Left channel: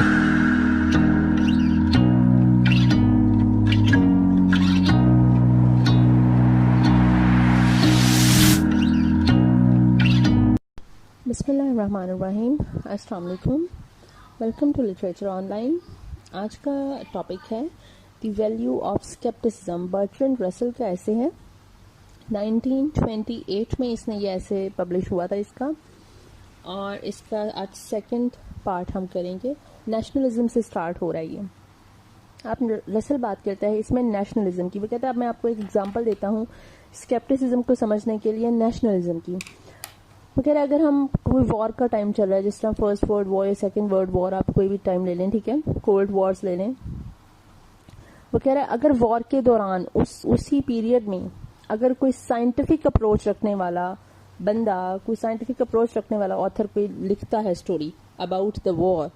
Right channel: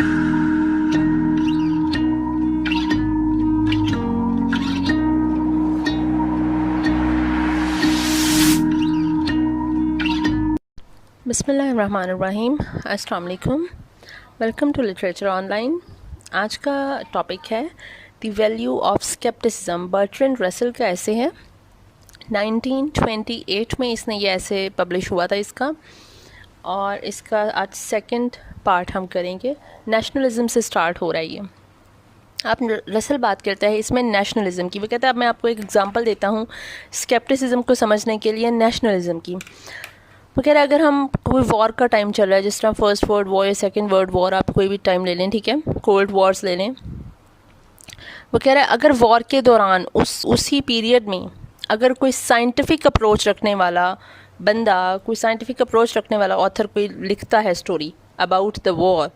बिस्मिल्लाहिर्रहमानिर्रहीम, अस्सलाम वालेकुम। Welcome to literature online. आज का टॉपिक है the value of scepticism. Bertrand Russell का ऐसे है, 1928 में इसने ये ऐसे पब्लिश हुआ था इसका, और इसका आज सेकंड पार्ट हम करेंगे। नेशनलिज्म से स्टार्ट हो रहा है ये। आप रसल बात करते हैं इसमें नेशनलिज्म की। वो कहता है, अब मैं आपको एक एग्जांपल देता हूँ स्केप्टिसिज्म को समझने के लिए नेशनलिज्म की। वो कह रहा है अगर हम कोई वॉर का टाइम चल रहा है, जिस तरह फर्स्ट वर्ल्ड वॉर या सेकंड वर्ल्ड वॉर, आप कोई भी टाइम ले लें, ठीक है, कोल्ड वॉर्स ले लें। वो कह रहा है अगर वॉर के दौरान उसी पीरियड में अगर कोई साइंटिफिक अप्रोच रखने वाला बंदा, कोई साइंटिफिक अप्रोच रखने वाला ऑथर कोई लिखता है स्टोरी अबाउट द वॉर,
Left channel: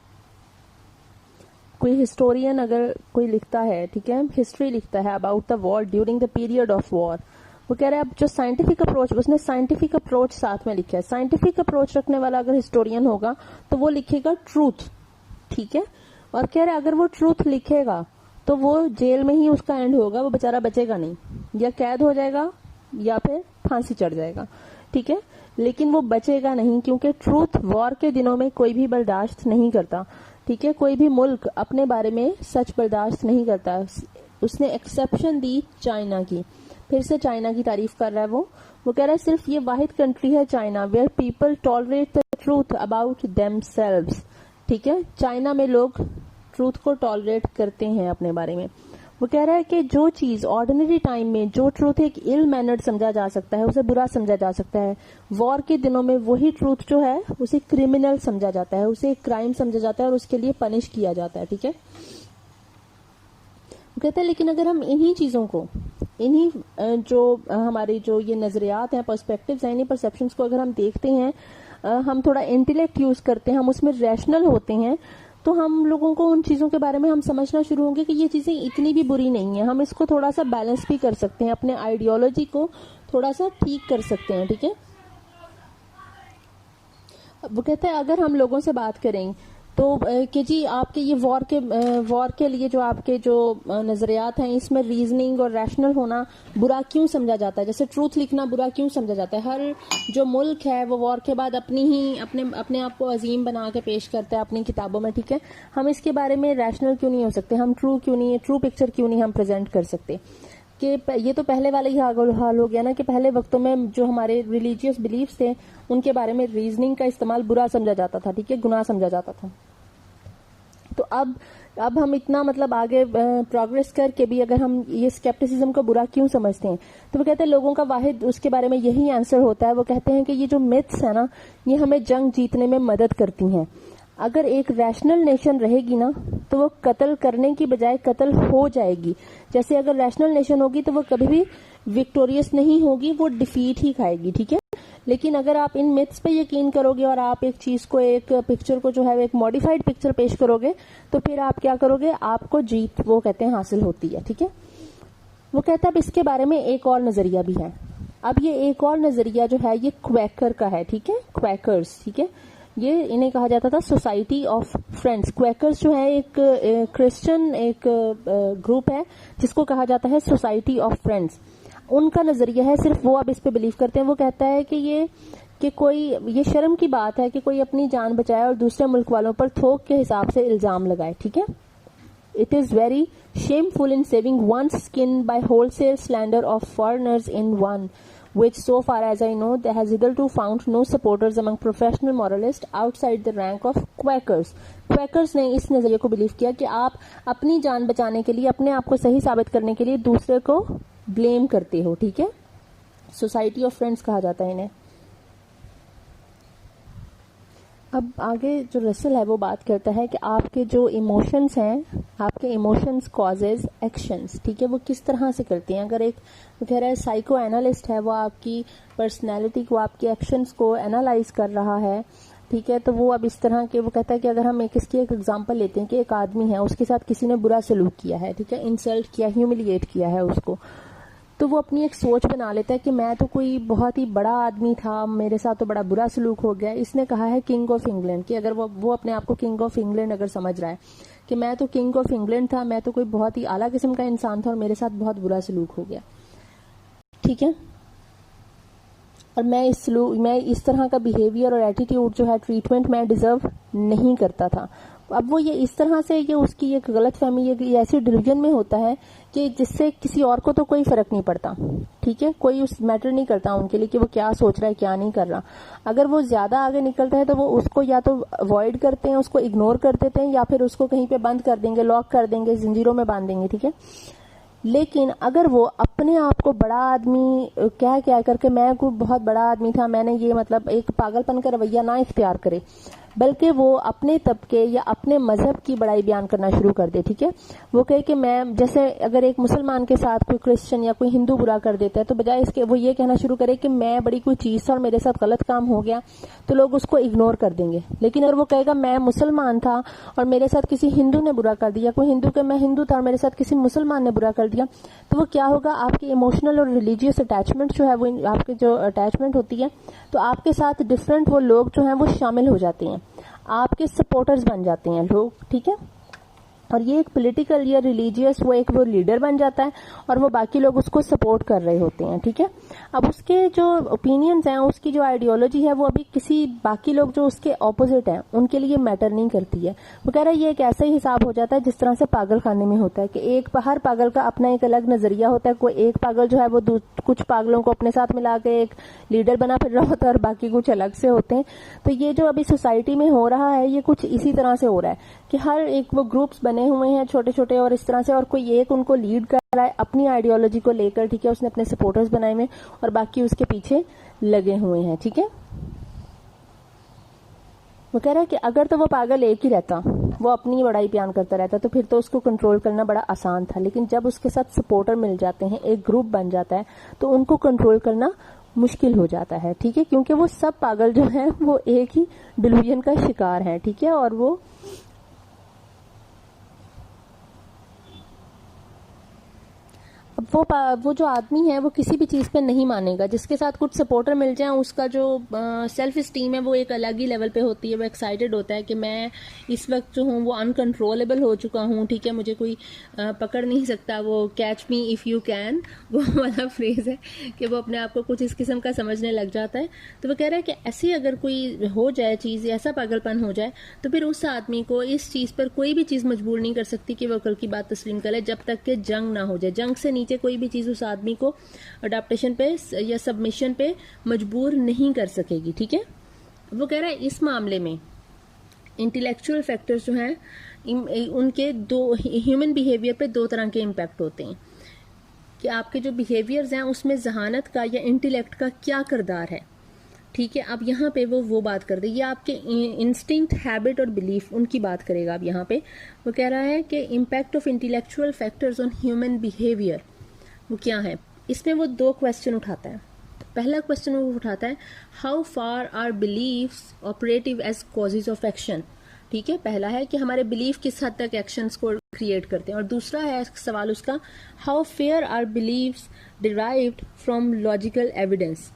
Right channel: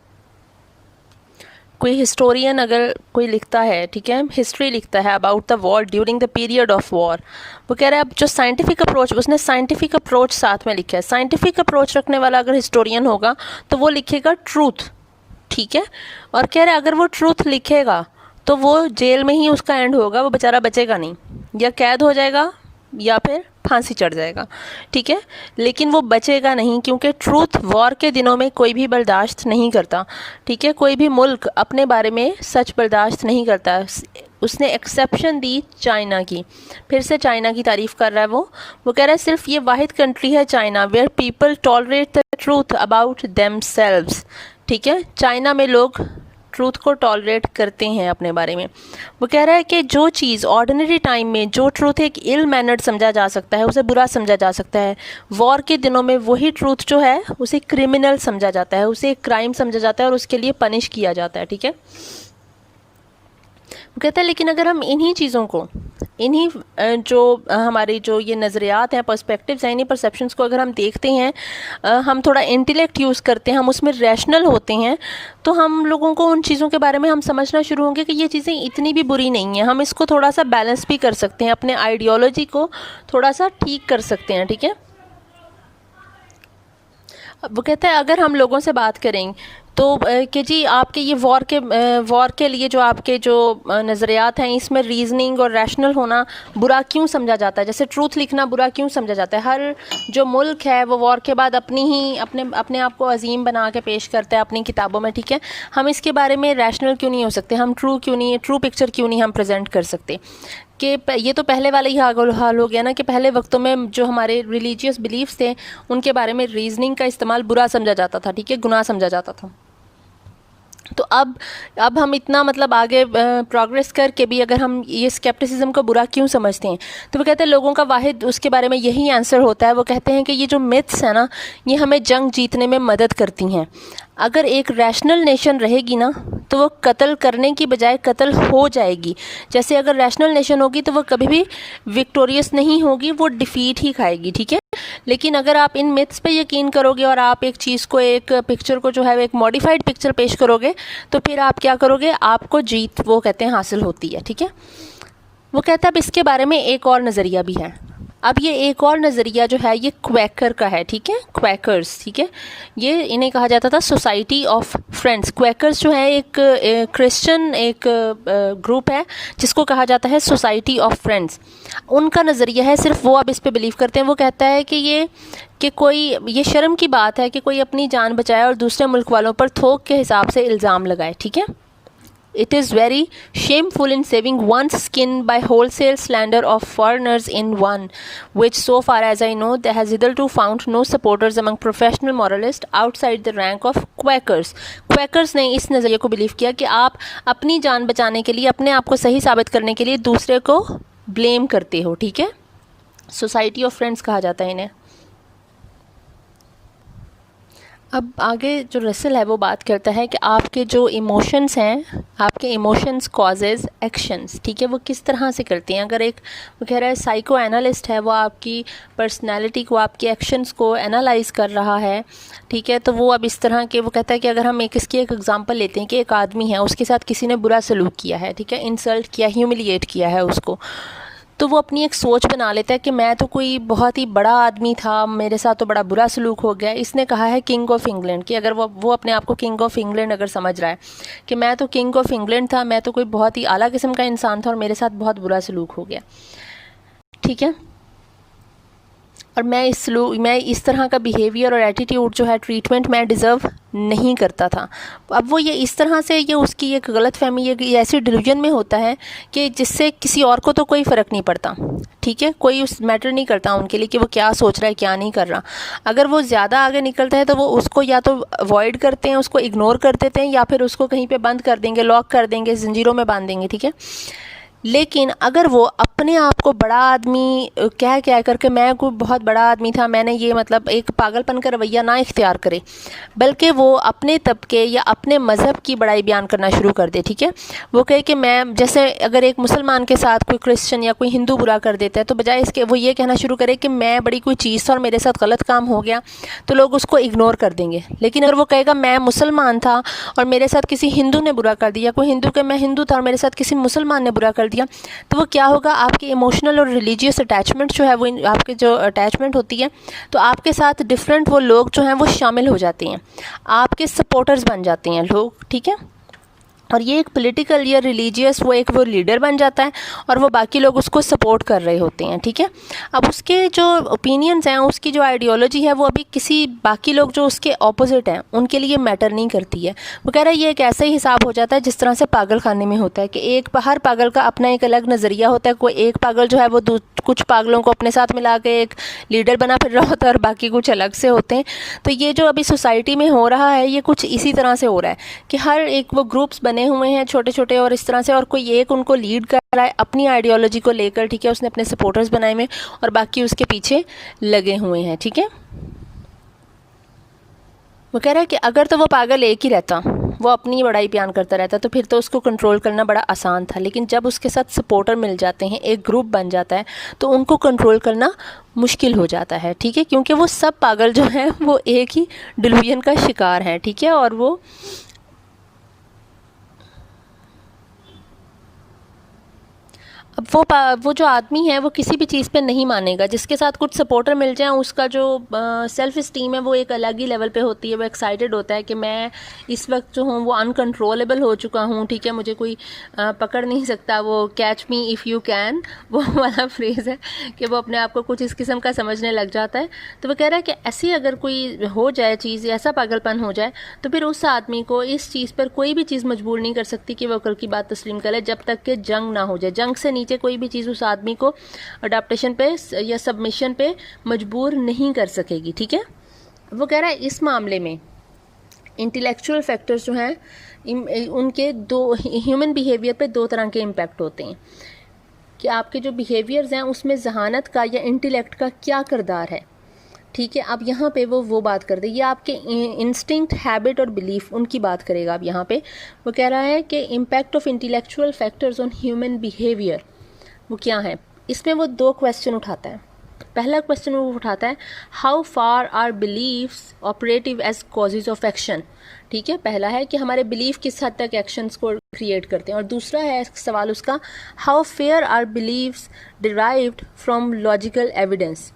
कोई हिस्टोरियन अगर कोई लिखता है, ठीक है, हिस्ट्री लिखता है about the war during the period of war, वो कह रहा है अब जो साइंटिफिक अप्रोच, उसने साइंटिफिक अप्रोच साथ में लिखा है। साइंटिफिक अप्रोच रखने वाला अगर हिस्टोरियन होगा तो वो लिखेगा ट्रूथ, ठीक है। और कह रहा है अगर वो ट्रूथ लिखेगा तो वो जेल में ही उसका एंड होगा, वो बेचारा बचेगा नहीं, या कैद हो जाएगा या फिर फांसी चढ़ जाएगा, ठीक है, लेकिन वो बचेगा नहीं, क्योंकि ट्रूथ वॉर के दिनों में कोई भी बर्दाश्त नहीं करता, ठीक है। कोई भी मुल्क अपने बारे में सच बर्दाश्त नहीं करता। उसने एक्सेप्शन दी चाइना की, फिर से चाइना की तारीफ़ कर रहा है वो कह रहा है सिर्फ ये वाहिद कंट्री है China where people tolerate the truth about themselves, ठीक है। चाइना में लोग ट्रूथ को टॉलरेट करते हैं अपने बारे में। वो कह रहा है कि जो चीज़ ऑर्डिनरी टाइम में जो ट्रूथ एक इल मैनर्ड समझा जा सकता है, उसे बुरा समझा जा सकता है, वॉर के दिनों में वही ट्रूथ जो है उसे क्रिमिनल समझा जाता है, उसे एक क्राइम समझा जाता है और उसके लिए पनिश किया जाता है, ठीक है। वो कहता है लेकिन अगर हम इन्हीं चीज़ों को, इन्हीं जो हमारे जो ये नज़रियात हैं, पर्सपेक्टिव्स हैं, इन्हीं परसेप्शंस को अगर हम देखते हैं, हम थोड़ा इंटेलेक्ट यूज़ करते हैं, हम उसमें रैशनल होते हैं, तो हम लोगों को उन चीज़ों के बारे में हम समझना शुरू होंगे कि ये चीज़ें इतनी भी बुरी नहीं हैं। हम इसको थोड़ा सा बैलेंस भी कर सकते हैं, अपने आइडियोलॉजी को थोड़ा सा ठीक कर सकते हैं, ठीक है। वो कहता है अगर हम लोगों से बात करें तो कि जी आपके ये वॉर के लिए जो आपके जो नज़रियात हैं, इसमें रीजनिंग और रैशनल होना बुरा क्यों समझा जाता है, जैसे ट्रूथ लिखना बुरा क्यों समझा जाता है। हर जो मुल्क है वो वॉर के बाद अपने आप को अजीम बना के पेश करता है अपनी किताबों में, ठीक है। हम इसके बारे में रैशनल क्यों नहीं हो सकते, हम ट्रू पिक्चर क्यों नहीं हम प्रेजेंट कर सकते। कि ये तो पहले वाला ही हाल हो गया ना, कि पहले वक्तों में जो हमारे रिलीजियस बिलीफ्स थे उनके बारे में रीजनिंग का इस्तेमाल बुरा समझा जाता था, ठीक है, गुनाह समझा जाता था। तो अब हम इतना मतलब आगे प्रोग्रेस करके भी अगर हम ये स्केप्टिसिज्म को बुरा क्यों समझते हैं, तो वो कहते हैं लोगों का वाहिद उसके बारे में यही आंसर होता है। वो कहते हैं कि ये जो मिथ्स है ना, ये हमें जंग जीतने में मदद करती हैं। अगर एक रैशनल नेशन रहेगी ना तो वो कत्ल करने की बजाय कत्ल हो जाएगी। जैसे अगर रैशनल नेशन होगी तो वो कभी भी विक्टोरियस नहीं होगी, वो डिफीट ही खाएगी, ठीक है। लेकिन अगर आप इन मिथ्स पे यकीन करोगे और आप एक चीज़ को, एक पिक्चर को जो है एक मॉडिफाइड पिक्चर पेश करोगे, तो फिर आप क्या करोगे, आपको जीत वो कहते हैं हासिल होती है, ठीक है। वो कहता है अब इसके बारे में एक और नज़रिया भी है। अब ये एक और नज़रिया जो है ये क्वैकर का है, ठीक है, क्वैकर्स, ठीक है। ये इन्हें कहा जाता था सोसाइटी ऑफ फ्रेंड्स। क्वैकर्स जो है एक क्रिश्चियन एक ग्रुप है जिसको कहा जाता है सोसाइटी ऑफ फ्रेंड्स। उनका नज़रिया है, सिर्फ वो अब इस पे बिलीव करते हैं। वो कहता है कि ये शर्म की बात है कि कोई अपनी जान बचाए और दूसरे मुल्क वालों पर थोक के हिसाब से इल्ज़ाम लगाए, ठीक है। It is very shameful in saving one's skin by wholesale slander of foreigners in one, which so far as I know there has hitherto found no supporters among professional moralists outside the rank of Quakers. Quakers ने इस नज़रिए को believe किया कि आप अपनी जान बचाने के लिए, अपने आप को सही साबित करने के लिए दूसरे को ब्लेम करते हो, ठीक है। सोसाइटी ऑफ फ्रेंड्स कहा जाता है इन्हें। अब आगे जो रसल है वो बात करता है कि आपके जो इमोशंस हैं, आपके इमोशंस कॉजेज़ एक्शंस, ठीक है, वो किस तरह से करती हैं। अगर एक वो कह रहा है साइको एनालिस्ट है, वो आपकी पर्सनैलिटी को, आपके एक्शंस को एनालाइज कर रहा है, ठीक है। तो वो अब इस तरह के, वो कहता है कि अगर हम इसकी एक एग्जांपल लेते हैं कि एक आदमी है, उसके साथ किसी ने बुरा सलूक किया है, ठीक है, इंसल्ट किया, ह्यूमिलिएट किया है उसको, तो वो अपनी एक सोच बना लेता है कि मैं तो कोई बहुत ही बड़ा आदमी था, मेरे साथ तो बड़ा बुरा सलूक हो गया। इसने कहा है किंग ऑफ इंग्लैंड, कि अगर वो अपने आप को किंग ऑफ इंग्लैंड अगर समझ रहा है कि मैं तो किंग ऑफ इंग्लैंड था, मैं तो कोई बहुत ही आला किस्म का इंसान था और मेरे साथ बहुत बुरा सलूक हो गया, ठीक है, और मैं इस तरह का बिहेवियर और एटीट्यूड जो है, ट्रीटमेंट मैं डिज़र्व नहीं करता था। अब वो ये इस तरह से ये उसकी एक गलत फहमी, ये ऐसी डिल्यूजन में होता है कि जिससे किसी और को तो कोई फ़र्क नहीं पड़ता, ठीक है, कोई उस मैटर नहीं करता उनके लिए कि वो क्या सोच रहा है क्या नहीं कर रहा। अगर वो ज़्यादा आगे निकलता है तो वो उसको या तो अवॉइड करते हैं, उसको इग्नोर कर देते हैं, या फिर उसको कहीं पे बंद कर देंगे, लॉक कर देंगे, ज़ंजीरों में बांध देंगे, ठीक है। लेकिन अगर वो अपने आप को बड़ा आदमी कह करके मैं कोई बहुत बड़ा आदमी था, मैंने ये मतलब एक पागलपन का रवैया ना इख्तियार करे, बल्कि वो अपने तबके या अपने मज़हब की बड़ाई बयान करना शुरू कर दे, ठीक है। वो कहे कि मैं, जैसे अगर एक मुसलमान के साथ कोई क्रिश्चियन या कोई हिंदू बुरा कर देता है, तो बजाय इसके वो ये कहना शुरू करे कि मैं बड़ी कोई चीज़ था और मेरे साथ गलत काम हो गया, तो लोग उसको इग्नोर कर देंगे। लेकिन अगर वो कहेगा मैं मुसलमान था और मेरे साथ किसी हिंदू ने बुरा कर दिया, कोई हिंदू के मैं हिंदू था और मेरे साथ किसी मुसलमान ने बुरा कर दिया, तो वो क्या होगा, आपकी इमोशनल और रिलीजियस अटैचमेंट जो है, वो आपके जो अटैचमेंट होती है, तो आपके साथ डिफरेंट वो लोग जो हैं वो शामिल हो जाते हैं, आपके सपोर्टर्स बन जाते हैं लोग, ठीक है। और ये एक पॉलिटिकल या रिलीजियस वो लीडर बन जाता है और वो बाकी लोग उसको सपोर्ट कर रहे होते हैं, ठीक है। अब उसके जो ओपिनियंस हैं, उसकी जो आइडियोलॉजी है, वो अभी किसी बाकी लोग जो उसके ऑपोजिट हैं उनके लिए मैटर नहीं करती है। वो कह रहा है ये एक ऐसा ही हिसाब हो जाता है जिस तरह से पागल खाने में होता है कि हर पागल का अपना एक अलग नज़रिया होता है। कोई एक पागल जो है वो कुछ पागलों को अपने साथ मिला के एक लीडर बना फिर रहा होता है और बाकी कुछ अलग से होते हैं। तो ये जो अभी सोसाइटी में हो रहा है, ये कुछ इसी तरह से हो रहा है कि हर एक वो ग्रुप्स बने हुए हैं छोटे छोटे और इस तरह से, और कोई एक उनको लीड कर रहा है अपनी आइडियोलॉजी को लेकर, ठीक है। उसने अपने सपोर्टर्स बनाए हुए और बाकी उसके पीछे लगे हुए हैं, ठीक है। वो कह रहा है कि अगर तो वो पागल एक ही रहता, वो अपनी बड़ाई बयान करता रहता, तो फिर तो उसको कंट्रोल करना बड़ा आसान था। लेकिन जब उसके साथ सपोर्टर मिल जाते हैं, एक ग्रुप बन जाता है, तो उनको कंट्रोल करना मुश्किल हो जाता है, ठीक है, क्योंकि वो सब पागल जो हैं वो एक ही डिल्यूजन का शिकार हैं, ठीक है। और अब वो जो आदमी है वो किसी भी चीज़ पे नहीं मानेगा। जिसके साथ कुछ सपोर्टर मिल जाए, उसका जो सेल्फ इस्टीम है वो एक अलग ही लेवल पे होती है। वो एक्साइटेड होता है कि मैं इस वक्त जो हूँ वो अनकंट्रोलेबल हो चुका हूँ, ठीक है, मुझे कोई पकड़ नहीं सकता। वो catch me if you can, वो वाला फ्रेज़ है कि वो अपने आप को कुछ इस किस्म का समझने लग जाता है। तो वो कह रहा है कि ऐसी अगर कोई हो जाए चीज़, ऐसा पागलपन हो जाए, तो फिर उस आदमी को इस चीज़ पर कोई भी चीज़ मजबूर नहीं कर सकती कि वह कल की बात तस्लीम करे, जब तक कि जंग ना हो जाए। जंग से नीचे कोई भी चीज़ उस आदमी को अडॉप्टेशन पे या सबमिशन पे मजबूर नहीं कर सकेगी, ठीक है। वो कह रहा है इस मामले में इंटेलेक्चुअल फैक्टर्स जो हैं, उनके ह्यूमन बिहेवियर पे दो तरह के इम्पैक्ट होते हैं कि आपके जो बिहेवियर्स हैं उसमें जहानत का या इंटेलेक्ट का क्या किरदार है, ठीक है। अब यहाँ पे वो बात कर दे, ये आपके इंस्टिंक्ट, हैबिट और बिलीफ, उनकी बात करेगा। अब यहाँ पे वो कह रहा है कि impact of intellectual factors on human behaviour वो क्या है। इसमें वो दो क्वेश्चन उठाता है। पहला क्वेश्चन वो उठाता है, how far are beliefs operative as causes of action, ठीक है। पहला है कि हमारे बिलीफ किस हद तक एक्शंस को क्रिएट करते हैं, और दूसरा है सवाल उसका, how fair are beliefs derived from logical evidence.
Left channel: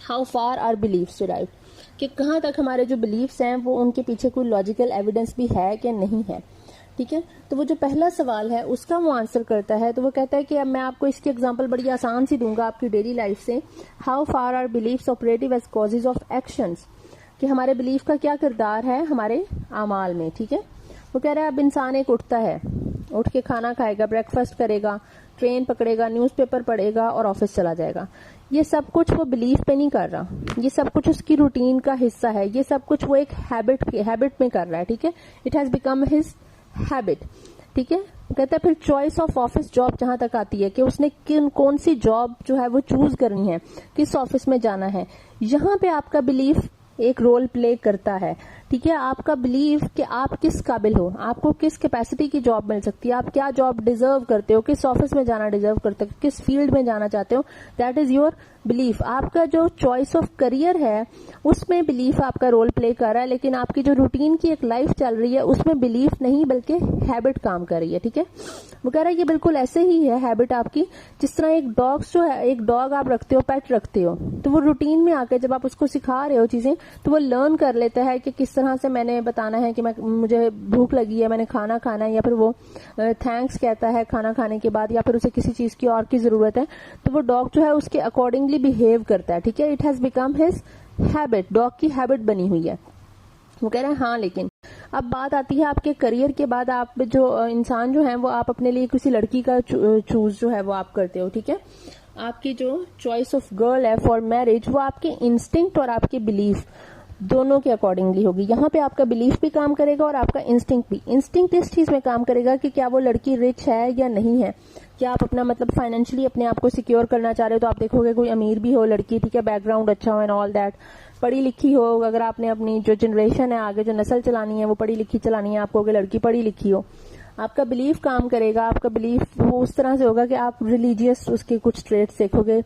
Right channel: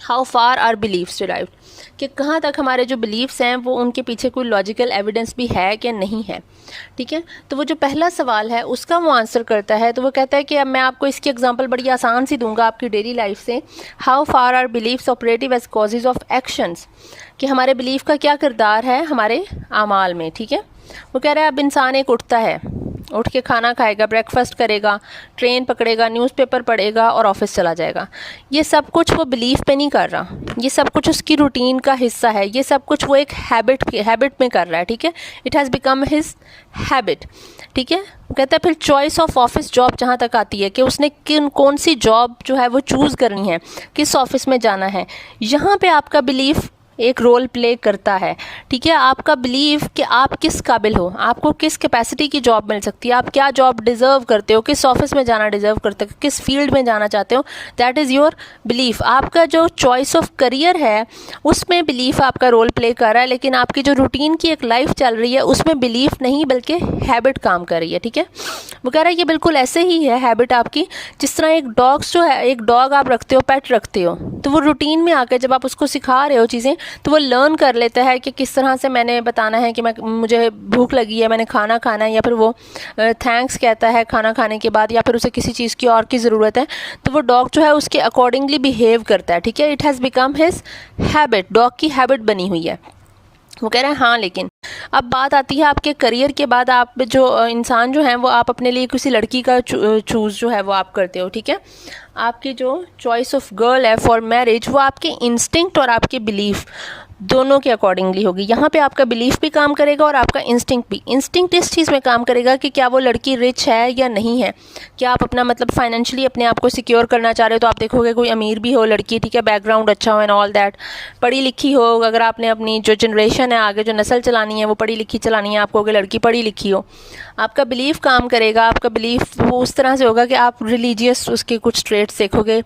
How far are beliefs derived, कि कहाँ तक हमारे जो बिलीव्स हैं वो उनके पीछे कोई लॉजिकल एविडेंस भी है कि नहीं है, ठीक है। तो वो जो पहला सवाल है उसका वो आंसर करता है। तो वो कहता है कि अब मैं आपको इसकी एग्जांपल बड़ी आसान सी दूंगा आपकी डेली लाइफ से। How far are beliefs operative as causes of actions, कि हमारे बिलीफ का क्या किरदार है हमारे आमाल में, ठीक है। वो कह रहा है अब इंसान एक उठता है, उठ के खाना खाएगा, ब्रेकफास्ट करेगा, ट्रेन पकड़ेगा, न्यूज़पेपर पढ़ेगा और ऑफिस चला जाएगा। ये सब कुछ वो बिलीफ पे नहीं कर रहा, ये सब कुछ उसकी रूटीन का हिस्सा है, ये सब कुछ वो एक हैबिट में कर रहा है, ठीक है। It has become his habit, ठीक है। कहता है फिर चॉइस ऑफ ऑफिस जॉब जहाँ तक आती है कि उसने कौन सी जॉब जो है वो चूज़ करनी है, किस ऑफिस में जाना है, यहाँ पे आपका बिलीफ एक रोल प्ले करता है, ठीक है। आपका बिलीव कि आप किस काबिल हो, आपको किस कैपेसिटी की जॉब मिल सकती है, आप क्या जॉब डिज़र्व करते हो, किस ऑफिस में जाना डिज़र्व करते हो, किस फील्ड में जाना चाहते हो, दैट इज़ योर बिलीफ। आपका जो चॉइस ऑफ करियर है उसमें बिलीफ आपका रोल प्ले कर रहा है, लेकिन आपकी जो रूटीन की एक लाइफ चल रही है उसमें बिलीफ नहीं बल्कि हैबिट काम कर रही है, ठीक है। वो कह रहा है ये बिल्कुल ऐसे ही है हैबिट आपकी, जिस तरह एक डॉग्स जो है, एक डॉग आप रखते हो, पेट रखते हो, तो वो रूटीन में आकर जब आप उसको सिखा रहे हो चीज़ें तो वो लर्न कर लेता है कि किस तरह से मैंने बताना है कि मुझे भूख लगी है, मैंने खाना खाना है, या फिर वो थैंक्स कहता है खाना खाने के बाद, या फिर उसे किसी चीज़ की और की ज़रूरत है, तो वो डॉग जो है उसके अकॉर्डिंगली बिहेव करता है, ठीक है। It has become his habit, dog की हैबिट बनी हुई है। वो कह रहे हैं हाँ, लेकिन अब बात आती है आपके करियर के बाद, आप जो इंसान जो है वो आप अपने लिए किसी लड़की का चूज़ जो है वो आप करते हो, ठीक है। आपकी जो चॉइस ऑफ गर्ल है फॉर मैरिज वो आपके इंस्टिंक्ट और आपके बिलीफ दोनों के अकॉर्डिंगली होगी। यहाँ पे आपका बिलीफ भी काम करेगा और आपका इंस्टिंक्ट भी। इंस्टिंक्ट इस चीज़ में काम करेगा कि क्या वो लड़की रिच है या नहीं है, क्या आप अपना मतलब फाइनेंशियली अपने आप को सिक्योर करना चाह रहे हो, तो आप देखोगे कोई अमीर भी हो लड़की, ठीक है, बैकग्राउंड अच्छा हो एंड ऑल दैट, पढ़ी लिखी हो, अगर आपने अपनी जो जनरेशन है आगे जो नस्ल चलानी है वो पढ़ी लिखी चलानी है, आपको अगर लड़की पढ़ी लिखी हो, आपका बिलीफ काम करेगा। आपका बिलीफ वो उस तरह से होगा कि आप रिलीजियस उसके कुछ ट्रेट्स देखोगे,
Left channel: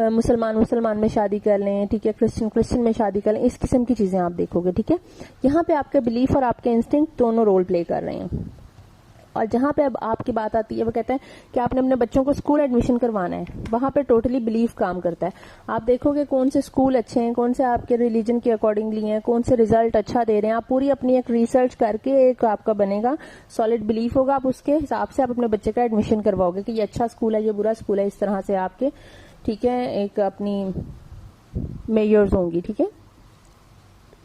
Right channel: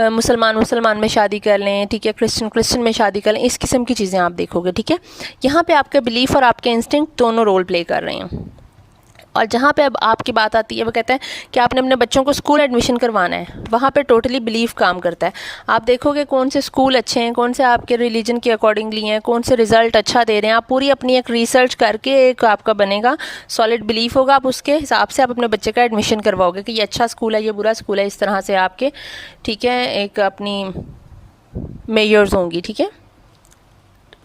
मुसलमान में शादी कर लें, ठीक है, क्रिश्चियन में शादी कर लें, इस किस्म की चीज़ें आप देखोगे, ठीक है। यहाँ पे आपका बिलीफ और आपके इंस्टिंक्ट दोनों रोल प्ले कर रहे हैं। और जहाँ पे अब आपकी बात आती है वो कहते हैं कि आपने अपने बच्चों को स्कूल एडमिशन करवाना है, वहाँ पे टोटली बिलीफ काम करता है। आप देखोगे कौन से स्कूल अच्छे हैं, कौन से आपके रिलीजन के अकॉर्डिंगली हैं, कौन से रिज़ल्ट अच्छा दे रहे हैं, आप पूरी अपनी एक रिसर्च करके एक आपका बनेगा सॉलिड बिलीफ होगा, आप उसके हिसाब से आप अपने बच्चे का एडमिशन करवाओगे कि ये अच्छा स्कूल है, ये बुरा स्कूल है, इस तरह से आपके, ठीक है, एक अपनी मेजर्स होंगी, ठीक है।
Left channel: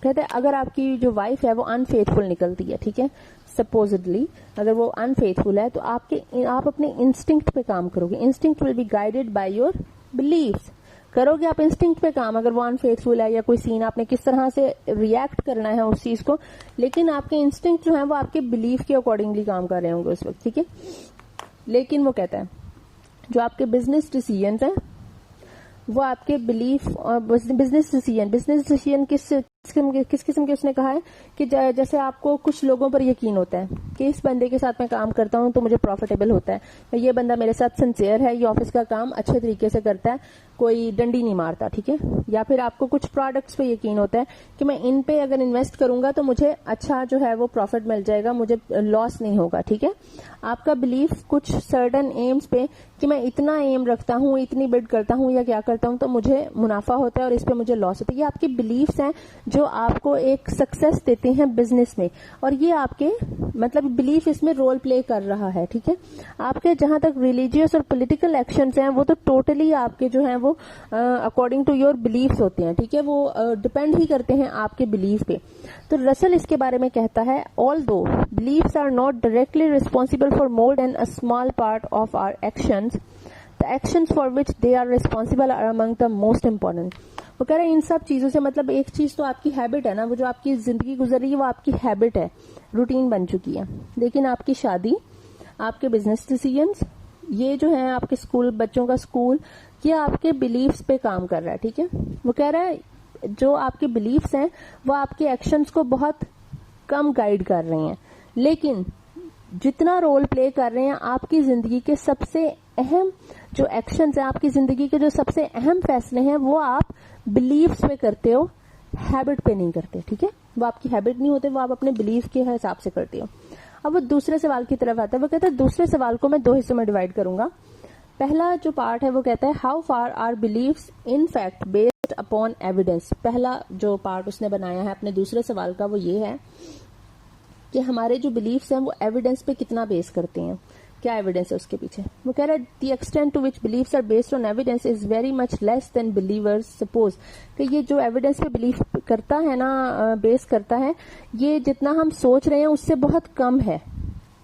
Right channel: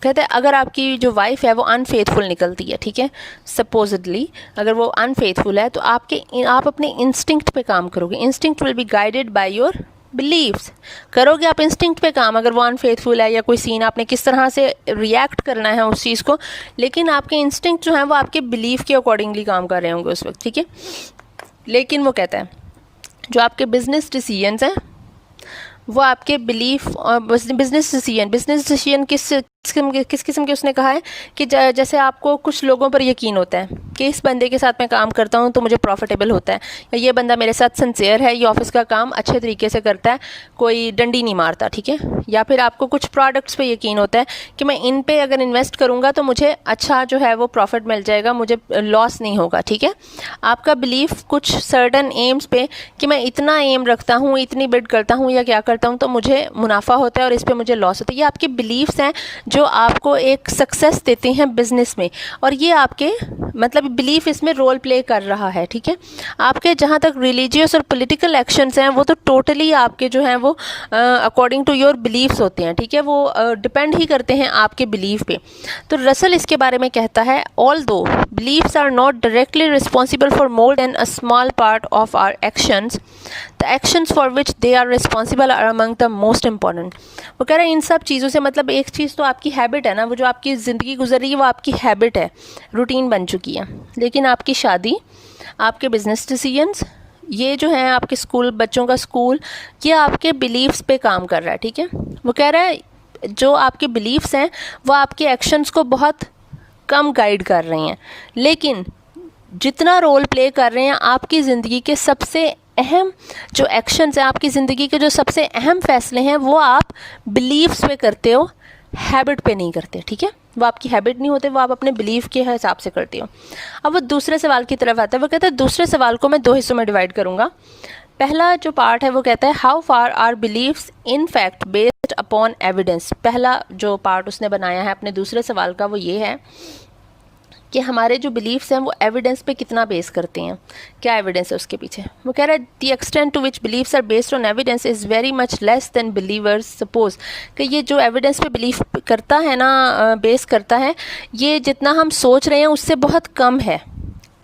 कहते हैं अगर आपकी जो वाइफ है वो अनफेथफुल निकलती है, ठीक है, सपोजिडली अगर वो अनफेथफुल है, तो आप अपने इंस्टिंक्ट पे काम करोगे। Instinct will be guided by your beliefs. करोगे आप इंस्टिंक्ट पे काम, अगर वो अनफेथफुल है या कोई सीन, आपने किस तरह से रिएक्ट करना है उस चीज़ को, लेकिन आपके इंस्टिंक्ट जो है वो आपके बिलीव के अकॉर्डिंगली काम कर रहे होंगे उस वक्त, ठीक है। लेकिन वो कहता है जो आपके बिजनेस डिसीजंस हैं वो आपके बिलीफ और बिजनेस डिसीजन किस किस्म के उसने कहा है कि जैसे आपको कुछ लोगों पर यकीन होता है कि इस बंदे के साथ मैं काम करता हूँ तो मुझे प्रॉफिटेबल होता है, या ये बंदा मेरे साथ सिंसियर है, ये ऑफिस का काम अच्छे तरीके से करता है, कोई डंडी नहीं मारता, ठीक है। या फिर आपको कुछ प्रोडक्ट्स पे यकीन होता है कि मैं इन पे अगर इन्वेस्ट करूँगा तो मुझे अच्छा जो है वो प्रॉफिट मिल जाएगा, मुझे लॉस नहीं होगा, ठीक है। आपका बिलीफ कुछ सर्टन एम्स पे कि मैं इतना एम रखता हूँ, इतनी बिड करता हूँ या क्या करता हूँ तो मुझे मुनाफा होता है और इस पर मुझे लॉस होता है, ये आपके बिलीव्स हैं जो आपको एक सक्सेस देते हैं बिजनेस में, और ये आपके मतलब बिलीफ इसमें रोल प्ले कर रहा है, ठीक है। आपके जहाँ तक रिलीजियस और पॉलिटिकल एक्शंस हैं वो तो टोटली आपके जो हैं वो अकॉर्डिंग टू योर बिलीव्स होते हैं, ठीक है, वो डिपेंड ही करते हैं आपके बिलीफ पे। तो रसल इसके बारे में कहता है although beliefs are not directly responsible for more than a small part of our actions, the actions for which they are responsible are among the most important. वो कह रहे हैं इन सब चीज़ों से मतलब एक चीज़ तो आपकी हैबिट है ना, वो जो आपकी ज़िंदगी गुजर रही है वो आपकी हैबिट है, रूटीन बन चुकी है, लेकिन आपकी शादी, आपके बिजनेस डिसीजंस, ये जो है आपके स्कूल, बच्चों का स्कूल, ये आपके बिलीव्स पे काम कर रहा है, ठीक है। वो कह रहा है जो आपके बिलीव्स हैं वो आपके एक्शंस को बहुत कम गाइड कर रहे हैं, लेकिन जितना रोल प्ले कर रहे हैं आपकी ज़िंदगी के सबसे अहम जो एक्शंस हैं, आपकी ज़िंदगी के जो सबसे अहम फैसले हैं वो आप बिलीव्स पे करते हो, हैबिट पे नहीं करते, ठीक है। वो आपकी हैबिट नहीं होते, वो आप अपने बिलीव के हिसाब से करते हो। अब वो दूसरे सवाल की तरफ आता है। वो कहता है दूसरे सवाल को मैं दो हिस्सों में डिवाइड करूँगा। पहला जो पार्ट है वो कहता है how far are beliefs in fact based upon evidence. पहला जो पार्ट उसने बनाया है अपने दूसरे सवाल का वो ये है कि हमारे जो बिलीव्स हैं वो एविडेंस पे कितना बेस करते हैं, क्या एविडेंस है उसके पीछे। वो कह रहा है the extent to which beliefs are based on evidence is very much less than believers suppose. कि ये जो एविडेंस पे बिलीव करता है ना, बेस करता है, ये जितना हम सोच रहे हैं उससे बहुत कम है,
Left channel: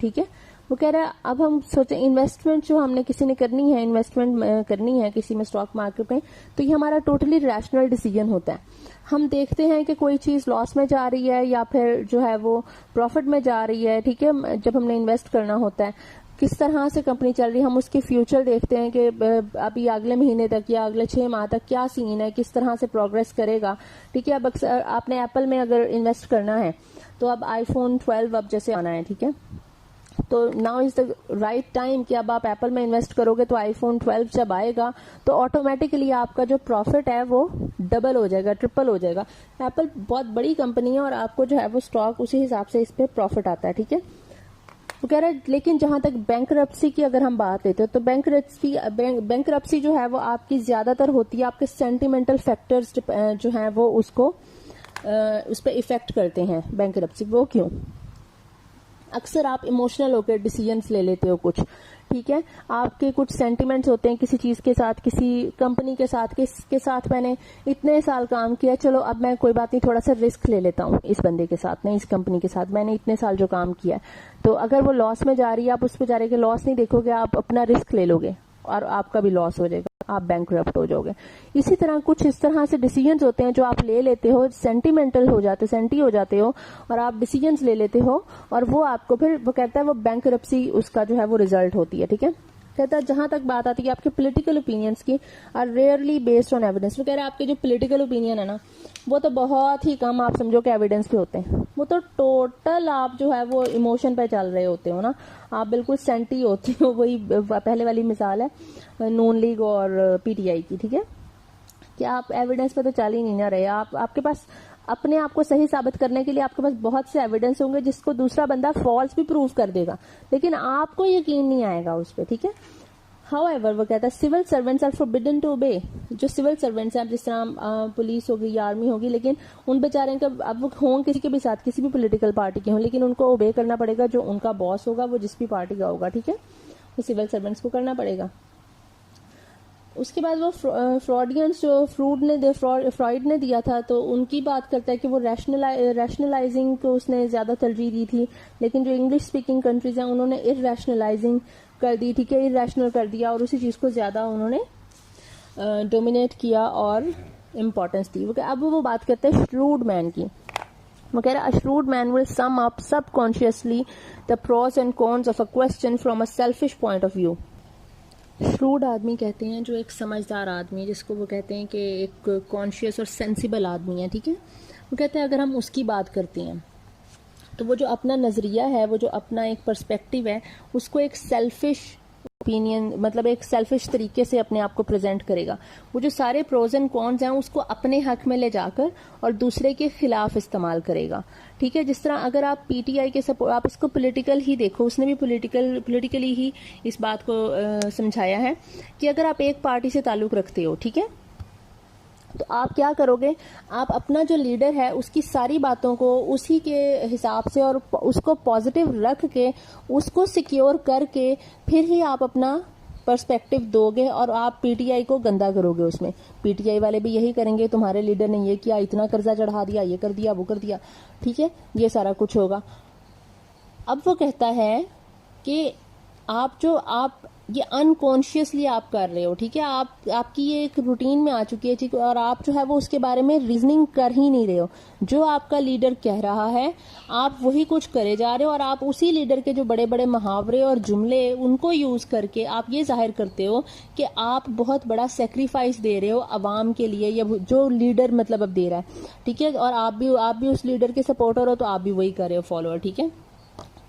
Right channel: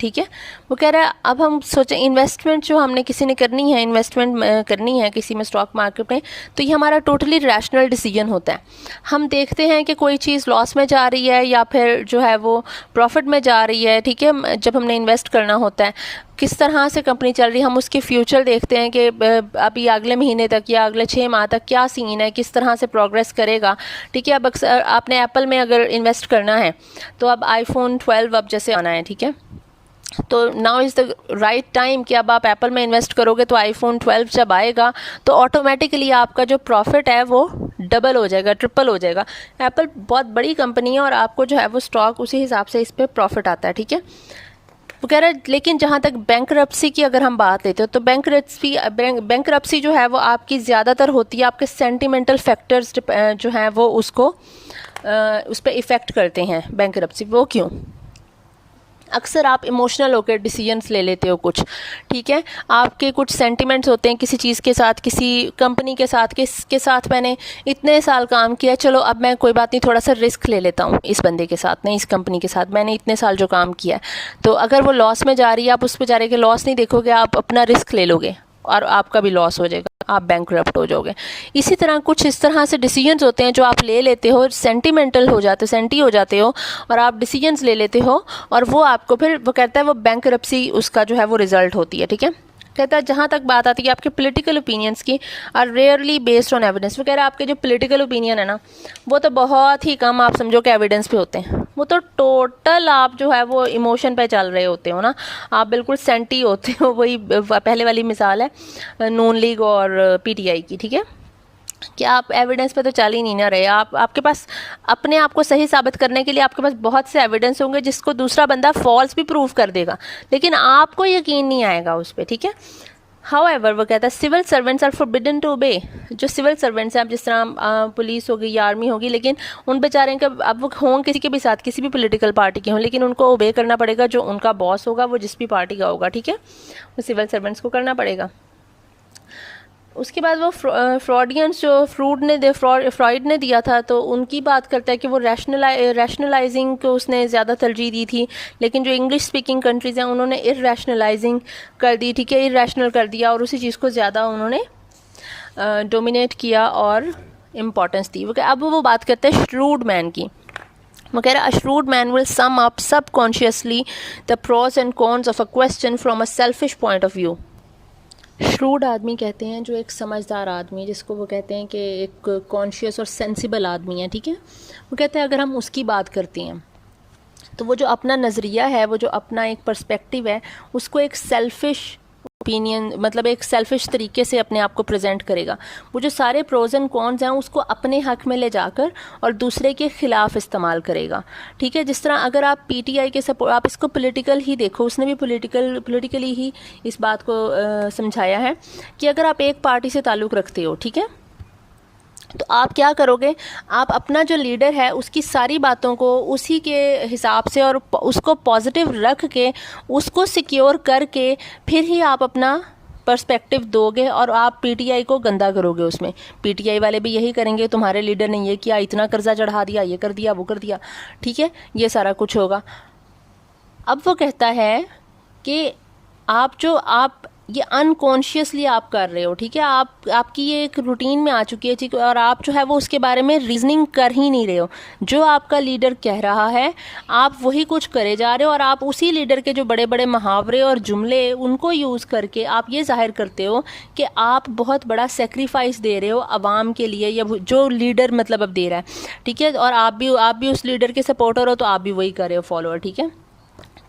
ठीक है। वो कह रहा है अब हम सोचें इन्वेस्टमेंट जो हमने किसी ने करनी है, इन्वेस्टमेंट करनी है किसी में स्टॉक मार्केट में, तो ये हमारा टोटली रैशनल डिसीजन होता है। हम देखते हैं कि कोई चीज़ लॉस में जा रही है या फिर जो है वो प्रॉफिट में जा रही है, ठीक है। जब हमने इन्वेस्ट करना होता है किस तरह से कंपनी चल रही है, हम उसके फ्यूचर देखते हैं कि अभी अगले महीने तक या अगले 6 माह तक क्या सीन है, किस तरह से प्रोग्रेस करेगा, ठीक है। अब अक्सर आपने एप्पल में अगर इन्वेस्ट करना है तो अब आईफोन 12 अब जैसे आना है, ठीक है, तो now is the right time कि अब आप एप्पल में इन्वेस्ट करोगे तो आईफोन 12 जब आएगा तो ऑटोमेटिकली आपका जो प्रॉफिट है वो डबल हो जाएगा, ट्रिपल हो जाएगा। एप्पल बहुत बड़ी कंपनी है और आपको जो है वो स्टॉक उसी हिसाब से इस पर प्रॉफिट आता है, ठीक है। वो कह रहा है लेकिन जहाँ तक बैंकरप्सी की अगर हम बात लेते हो तो बैंकरप्सी जो है वो आपकी ज़्यादातर होती है आपके सेंटिमेंटल फैक्टर्स जो हैं वो उसको उस पर इफ़ेक्ट करते हैं बैंकरप्सी। वो क्यों? अक्सर आप इमोशनल होकर डिसीजंस ले लेते हो कुछ, ठीक है। आपके कुछ सेंटिमेंट्स होते हैं किसी चीज़ के साथ, किसी कंपनी के साथ, किसके साथ मैंने इतने साल काम किया, चलो अब मैं कोई बात नहीं थोड़ा सा रिस्क ले लेता हूँ इस बंदे के साथ, नहीं इस कंपनी के साथ, मैंने इतने साल जो काम किया है, तो अगर वो लॉस में जा रही है आप उस बेचारे के लॉस नहीं देखोगे, आप अपना रिस्क ले लोगे और आपका भी लॉस हो जाएगा, आप बैंकरप्ट हो जाओगे। इसी तरह कुछ इस तरह से डिसीजंस होते हैं जो आप ले लेते हो, सेंटिमेंटल हो जाते हो, सेंटी हो जाते हो और आप डिसीजंस ले लेते हो और वो आपको फिर वो कहता है वो बैंकरप्सी उसका जो है वो रिजल्ट होती है, ठीक है। कहता है जहाँ तक बात आती है आपके पॉलिटिकल ओपिनियंस की are rarely based on evidence. वो कह रहा है आपके जो पॉलिटिकल ओपिनियन है ना वो तो बहुत ही कम आप समझो कि एविडेंस पे होते हैं, वो तो टोटल आप जो है वो इमोशन पे चल रहे होते हो ना, आप बिल्कुल सेंटी होते हो। वही पहले वाली मिसाल है नून लीग और पीटीआई की, ठीक है, कि आप एविडेंस पे तो चल ही नहीं ना रहे। आपके पास अपने आप को सही साबित करने के लिए आपके पास बहुत से एविडेंस होंगे जिसको दूसरा बंदा फॉल्स भी प्रूव कर देगा, लेकिन आपको यकीन नहीं आएगा उस पर, ठीक है। हाउएवर वो कहता है civil servants are forbidden to obey. जो सिविल सर्वेंट्स हैं, अब जिस तरह पुलिस होगी या आर्मी होगी, लेकिन उन बेचारे का अब वो हों किसी के भी साथ, किसी भी पॉलिटिकल पार्टी के हों, लेकिन उनको ओबे करना पड़ेगा जो उनका बॉस होगा, वो जिस भी पार्टी का होगा, ठीक है, वो सिविल सर्वेंट्स को करना पड़ेगा। उसके बाद वो फ्रॉडियंस जो फ्रॉइड ने दिया था तो उनकी बात करता है कि वो रैशनलाइजिंग को उसने ज़्यादा तरजीह दी थी, लेकिन जो इंग्लिश स्पीकिंग कंट्रीज़ हैं उन्होंने इरैशनलाइजिंग कर दी, ठीक है, इरैशनल कर दिया और उसी चीज़ को ज़्यादा उन्होंने डोमिनेट किया और इम्पोर्टेंस दी। अब वो बात करते हैं श्रूड मैन की। वो कह रहा है a shrewd man will sum up subconsciously the pros and cons of a question from a selfish point of view। Shrewd आदमी कहते हैं जो एक समझदार आदमी, जिसको वो कहते हैं कि एक कॉन्शियस और सेंसिबल आदमी है, ठीक है। वो कहते हैं अगर हम उसकी बात करते हैं तो वो जो अपना नज़रिया है, वो जो अपना एक पर्सपेक्टिव है, उसको एक सेल्फिश ओपिनियन मतलब एक सेल्फिश तरीके से अपने आप को प्रेजेंट करेगा। वो जो सारे प्रोज एंड कॉन्स हैं उसको अपने हक में ले जाकर और दूसरे के खिलाफ इस्तेमाल करेगा, ठीक है। जिस तरह अगर आप पीटीआई के सपोर्ट, आप इसको पॉलिटिकल ही देखो, उसने भी पॉलिटिकली ही इस बात को समझाया है कि अगर आप एक पार्टी से ताल्लुक़ रखते हो, ठीक है, तो आप क्या करोगे, आप अपना जो लीडर है उसकी सारी बातों को उसी के हिसाब से और उसको पॉजिटिव रख के उसको सिक्योर करके फिर ही आप अपना पर्सपेक्टिव दोगे और आप पीटीआई को गंदा करोगे। उसमें पीटीआई वाले भी यही करेंगे, तुम्हारे लीडर ने ये किया, इतना कर्जा चढ़ा दिया, ये कर दिया, वो कर दिया, ठीक है, ये सारा कुछ होगा। अब वो कहता है कि आप ये अनकॉन्शियसली आप कर रहे हो, ठीक है, आपकी ये एक रूटीन में आ चुकी है, ठीक, और आप जो है वो उसके बारे में रीजनिंग कर ही नहीं रहे हो। जो आपका लीडर कह रहा है आप वही कुछ करे जा रहे हो और आप उसी लीडर के जो बड़े बड़े मुहावरे और जुमले उनको यूज़ करके आप ये जाहिर करते हो कि आप बहुत बड़ा सेक्रीफाइस दे रहे हो आवाम के लिए, या जो लीडर मतलब अब दे रहा है, ठीक है, और आप भी उस लीडर के सपोर्टर हो तो आप भी वही कर रहे हो फॉलोअर, ठीक है,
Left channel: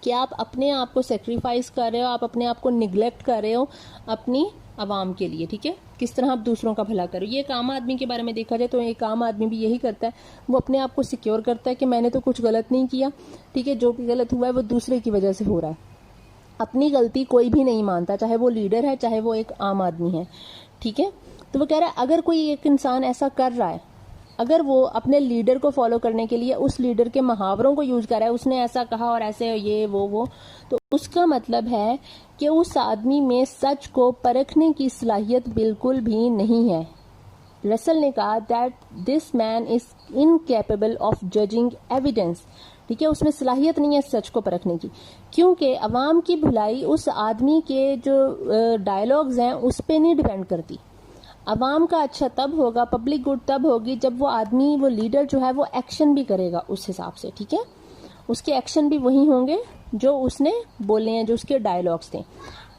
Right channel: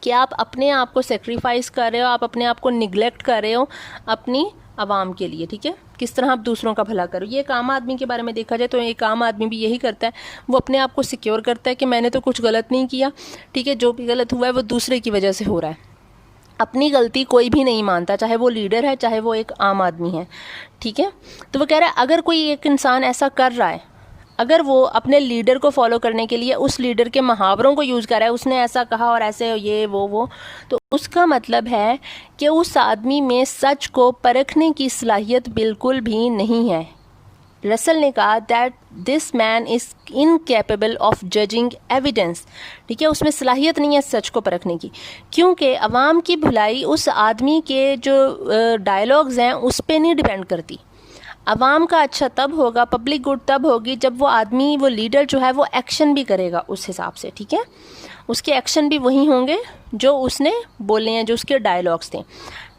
कि आप अपने आप को सेक्रीफाइस कर रहे हो, आप अपने आप को निगलेक्ट कर रहे हो अपनी आवाम के लिए, ठीक है, किस तरह आप दूसरों का भला करो। ये एक आम आदमी के बारे में देखा जाए तो एक आम आदमी भी यही करता है, वो अपने आप को सिक्योर करता है कि मैंने तो कुछ गलत नहीं किया, ठीक है, जो भी गलत हुआ है वो दूसरे की वजह से हो रहा है, अपनी गलती कोई भी नहीं मानता, चाहे वो लीडर है चाहे वो एक आम आदमी है, ठीक है। तो वो कह रहा है अगर कोई एक इंसान ऐसा कर रहा है, अगर वो अपने लीडर को फॉलो करने के लिए उस लीडर के मुहावरों को यूज़ कर रहा है, उसने ऐसा कहा और ऐसे ये वो तो उसका मतलब है कि उस आदमी में सच को परखने की सलाहियत बिल्कुल भी नहीं है, रसल ने कहा that this man is incapable of judging evidence, ठीक है, उसमें सलाहियत नहीं है सच को परखने की, क्योंकि अवाम की भलाई उस आदमी के जो डायलॉग्स हैं उस पर नहीं डिपेंड करती। अवाम का अच्छा तब होगा, पब्लिक गुड तब होगी जब वो आदमी, वो लीडर जो है वो एक्शन भी करेगा उस हिसाब से, ठीक है, उसके एक्शन भी वही होंगे जो उसने बोले हैं, जो उसके डायलॉग्स थे,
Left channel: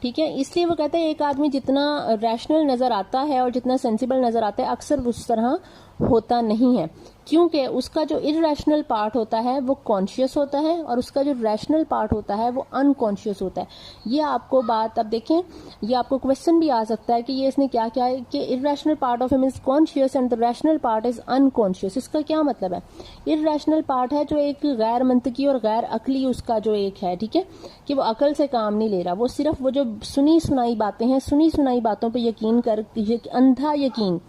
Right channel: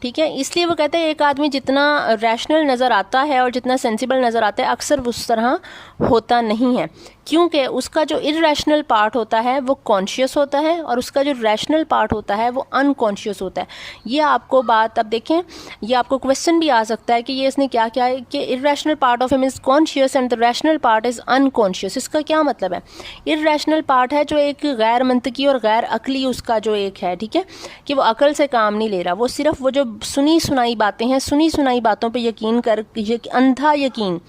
ठीक है। इसलिए वो कहते हैं एक आदमी जितना रैशनल नज़र आता है और जितना सेंसिबल नज़र आता है अक्सर उस तरह होता नहीं है, क्योंकि उसका जो इरैशनल पार्ट होता है वो कॉन्शियस होता है और उसका जो रैशनल पार्ट होता है वो अनकॉन्शियस होता है। ये आपको बात, अब देखें, ये आपको क्वेश्चन भी आ सकता है कि ये इसने क्या किया है कि irrational part of him is conscious and the rational part is unconscious. इसका क्या मतलब है? इरैशनल पार्ट है जो एक गैर मंतकी और गैर अकली उसका जो एक है, ठीक है, कि वो अकल से काम नहीं ले रहा, वो सिर्फ वो जो सुनी सुनाई बातें हैं, सुनी सुनाई बातों पे यकीन कर, अंधा यकीन,